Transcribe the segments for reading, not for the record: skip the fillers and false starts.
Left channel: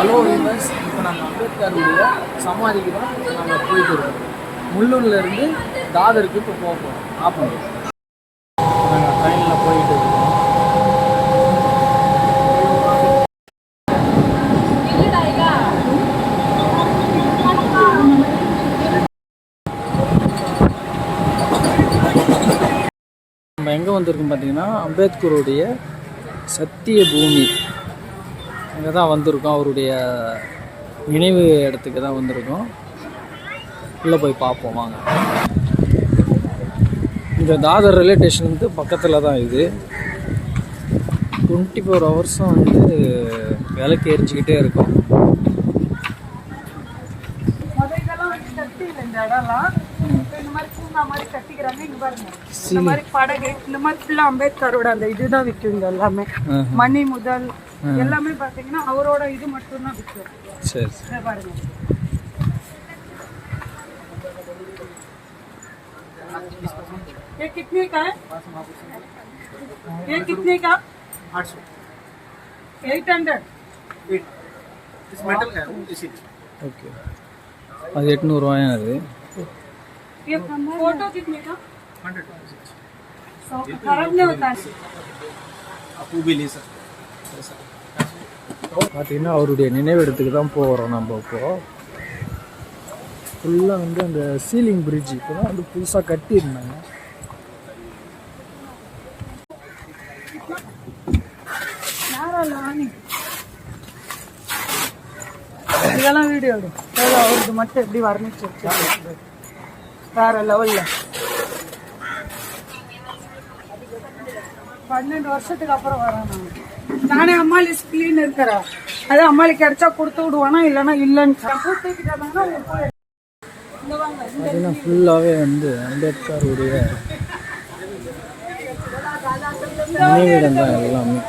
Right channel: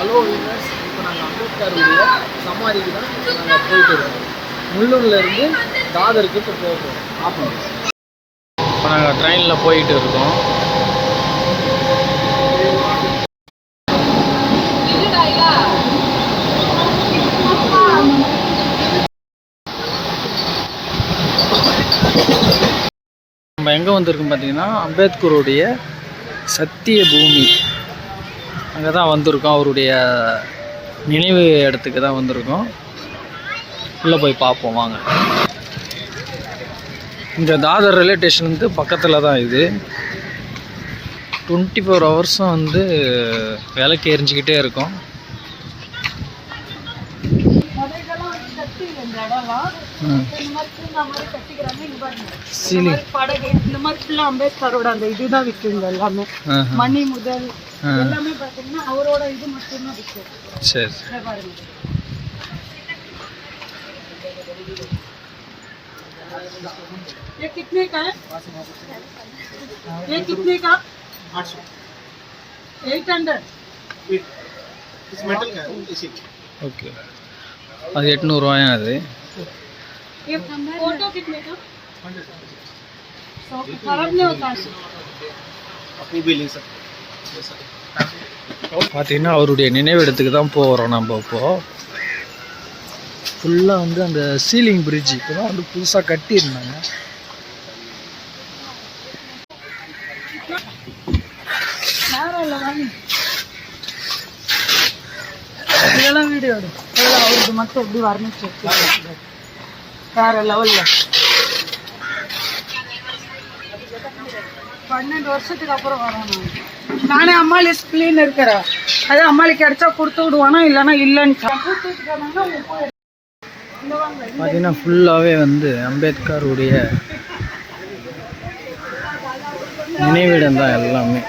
Hello viewers, இப்போ நாங்கள் அம்பேத்கருடைய சமாதிக்கு தான் நாங்கள் போயிட்டு இருக்கோம். முள்ளூர்லேருந்து தாதருக்கு இப்போ போகிறோம். ஆப்போம் இப்போ நாங்கள் ட்ரெயினில் போயிட்டு இருக்கோம். நம்ம எங்கே வந்திருக்கோம் பார்த்தீங்கன்னா, அம்பேத்கருடைய சத்திய பூமி அங்கே தான் வந்திருக்கோம். அவருடைய நினைவு இடத்துக்கு தான் வந்திருக்கோம். உள்ளே போய் பார்ப்போம் வாங்க. இந்த தாதர் ரயில்வே ஸ்டேஷன் வந்து பக்கத்தில் தான் இது. 24 ஹவர்ஸும் வந்து விளக்கு எரிஞ்சிக்கிட்டே இருக்கும். அம்பேத்கரோட அந்த இதுதான் விற்குங்க எல்லாமே. மணி முதல் எல்லாமே பாத்தீங்கன்னா அவரோட இது மட்டும் தான் விற்கும். சரி பாருங்க. ये कितने का है? ये कितने का? 800. 800. इस मेटल का है इसी. ओके. அது 800 ரூபாயா அது? ये फोटो कितने का? 100. 100 खराब नहीं होता है. अपनी भी ले सकते. பார்த்தீங்கன்னா அவருடைய நினைவிடத்துக்கு தான் போகிறோம் நம்ம. இப்போது ஃபுல்லாக வந்து அந்த சீலிங் பிரிட்ஜ் இப்போ தான் வந்து புதுசாக கட்டியிருந்தாங்க. இதெல்லாம் வீடியோ அவருக்கு மட்டும் எப்படி வர்ணிச்சு வேற லெவலில் 12 வருஷத்துக்கு அப்புறம் வரேன். நானே அம்மாளி ஸ்பிளீன் இருக்கிறேன். அது அம்மாளுக்கு கிடைச்சா கொடுத்து விடுவானா இல்லைன்னா இல்லைன்னு பார்த்தீங்கன்னா ஃபுல்லாகவே வந்து அம்பேத்கருடைய நினைவிடம் தான் எல்லாமே.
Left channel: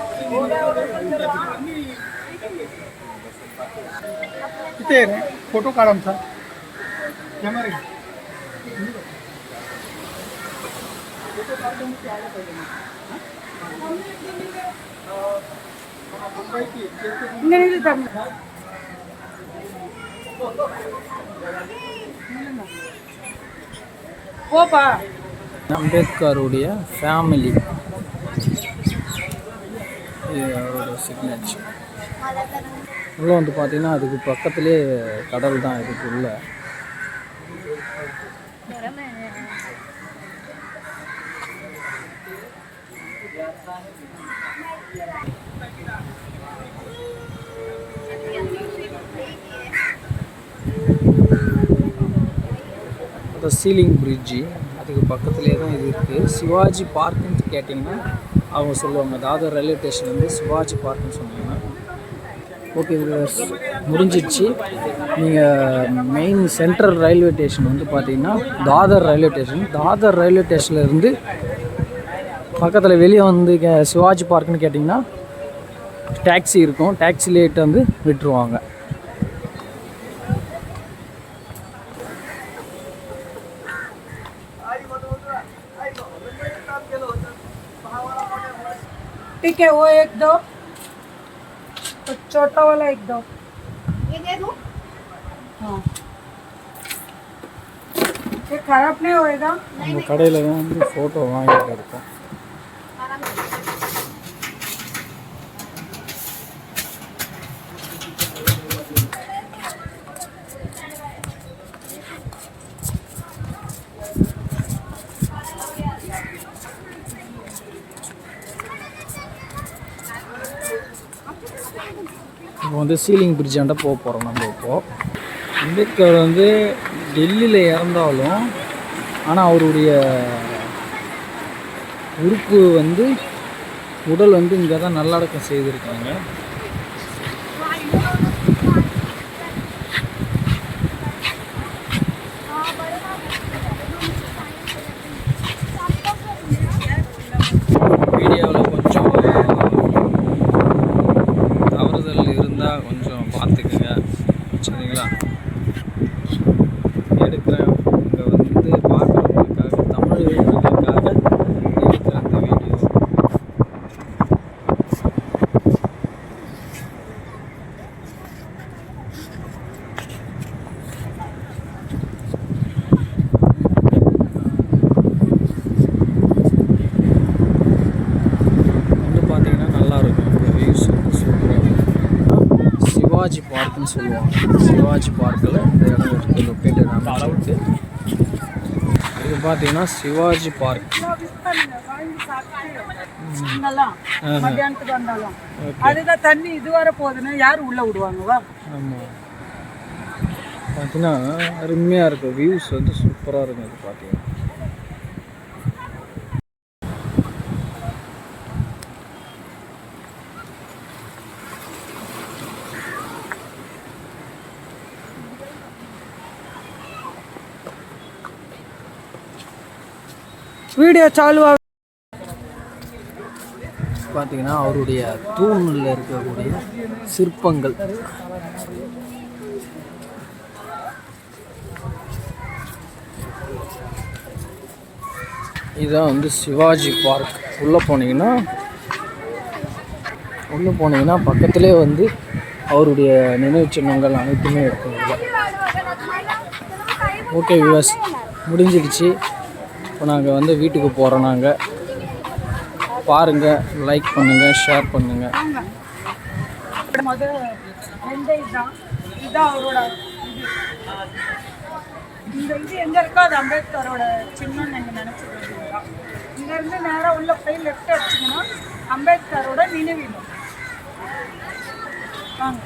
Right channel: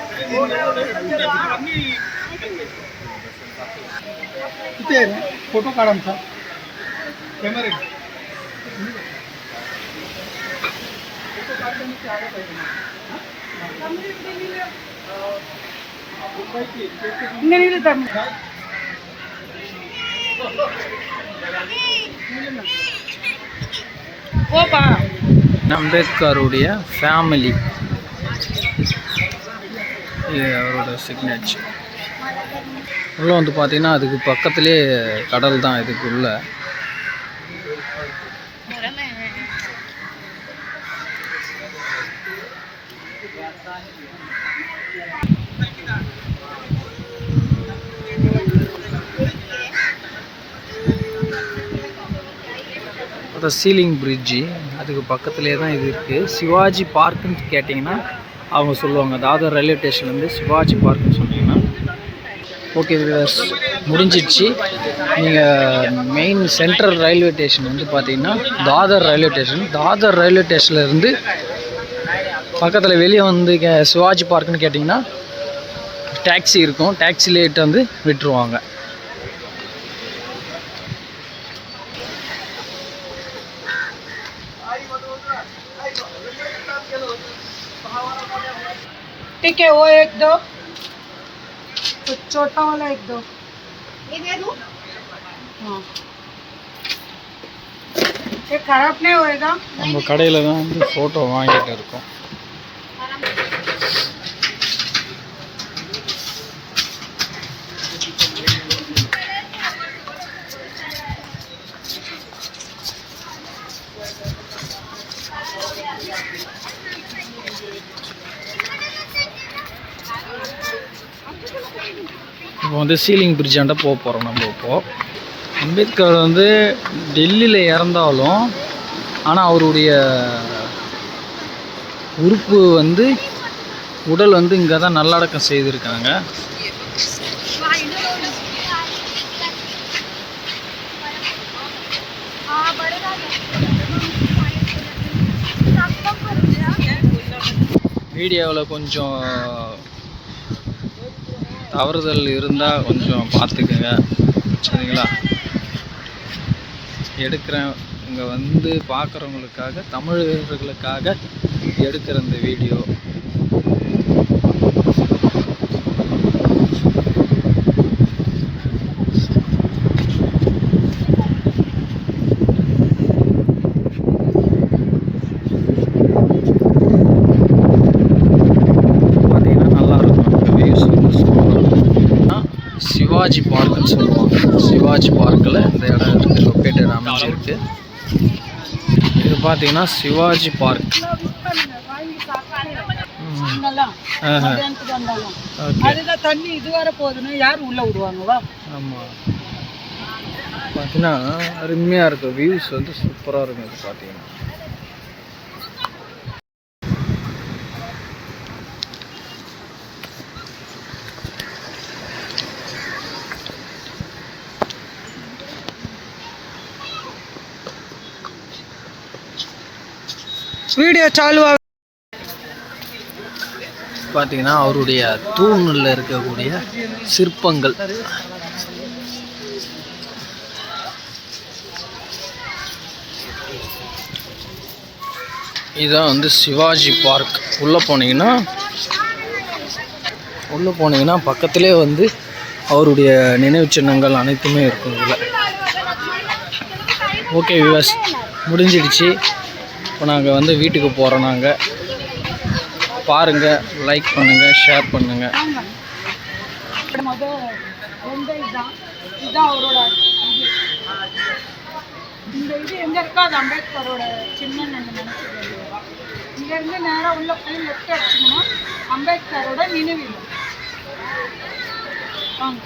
फोटो काढा आमचा कॅमेरा போப்பா. அம்பேத்கருடைய ஃபேமிலி, இது அவரோட சிக்னேச்சர். உள்ளே வந்து பார்த்தீங்கன்னா அதுக்கு பக்கத்துலேயே கடல் தான் இதுக்குள்ள. அது சீலிங் பிரிட்ஜி அதுக்கு பக்கத்துலேயே தான் இது இருக்குது. சிவாஜி பார்க்குன்னு கேட்டிங்கன்னா அவங்க சொல்லுவாங்க. தாதர் ரயில்வே ஸ்டேஷன் வந்து சிவாஜி பார்க்குன்னு சொன்னீங்கன்னா ஓகே வியூவர்ஸ், முடிஞ்சிடுச்சு. நீங்கள் மெயின் சென்ட்ரல் ரயில்வே ஸ்டேஷன் வந்து பார்த்தீங்கன்னா Dadar railway station. Dadar railway ஸ்டேஷன்லேருந்து பக்கத்தில் வெளியே வந்து சிவாஜி பார்க்குன்னு கேட்டிங்கன்னா டாக்ஸி இருக்கும். டாக்ஸிலேட்டு வந்து விட்டுருவாங்க. ठीक है, वो एक दो, तो छोटा वाला एक दो. ये दे दूं? हाँ. ये खराब नहीं होएगा? நம்ம கடையில் தான் வந்து ஃபோட்டோ வாங்கிட்டு இருக்கோம். இப்போ வந்து சீலிங் பிரிட்ஜாண்ட போக போகிறோம் நம்ம. இப்போது அம்பேத்கர் வந்து டெல்லியில் இறந்தாலும் ஆனால் அவருடைய உறுப்பு வந்து உடல் வந்து இங்கே தான் நல்லடக்கம் செய்திருக்காங்க. வீடியோவில் கொஞ்சம் தவறுதல் இருந்தால் கொஞ்சம் பார்த்துக்குங்க, சரிங்களா? எடுக்கிறேன் இங்கே வந்து பார்க்குறவங்களுக்காக, தமிழர்களுக்காக எடுக்கிற இந்த வீடியோ. சிவாஜி பார்க்குன்னு சொல்லுவாங்க. சிவாஜி பார்க்கில் இந்த இடம் இருக்குது, லொக்கேட்டட் அமைச்சிருக்கு. இது பார்த்தீங்கன்னா சிவாஜி பார்க். இங்கெல்லாம் மத்தியானத்துக்கு வந்தாலும் ஓகே. அதுதான் தண்ணி இதுவரை போகுதுன்னு யார் உள்ள விடுவாங்கவா? ஆமாம், பார்த்தீங்கன்னா அருமையாக இருக்கும். வியூஸ் வந்து சூப்பராக இருக்கும். இது பார்த்தீங்கன்னா வீடியோ சாலுவா. பார்த்தீங்கன்னா அவருடைய தூணில் இருக்கக்கூடிய சிற்பங்கள். இதுதான் வந்து சிவாஜி பார்க். உள்ளே போனீங்கன்னா பக்கத்திலே வந்து அவருடைய நினைவு சின்னங்கள் அனைத்துமே இருக்கும் இதில். ஓகே வியூவர்ஸ், முடிஞ்சிடுச்சு. இப்போ நாங்கள் வந்து வீட்டுக்கு போகிறோம். நாங்கள் பாருங்கள், லைக் பண்ணுங்கள், ஷேர் பண்ணுங்கள். இதுதான் அவரோட இது. இந்த இது எங்கே இருக்கோ அது அம்பேத்கரோட சின்னம்னு நீங்கள் நினச்சிருக்கீங்களா? இங்கேருந்து நேராக உள்ள போய் லெஃப்ட் அடிச்சிங்கன்னா அம்பேத்கரோட நினைவு. வாங்க.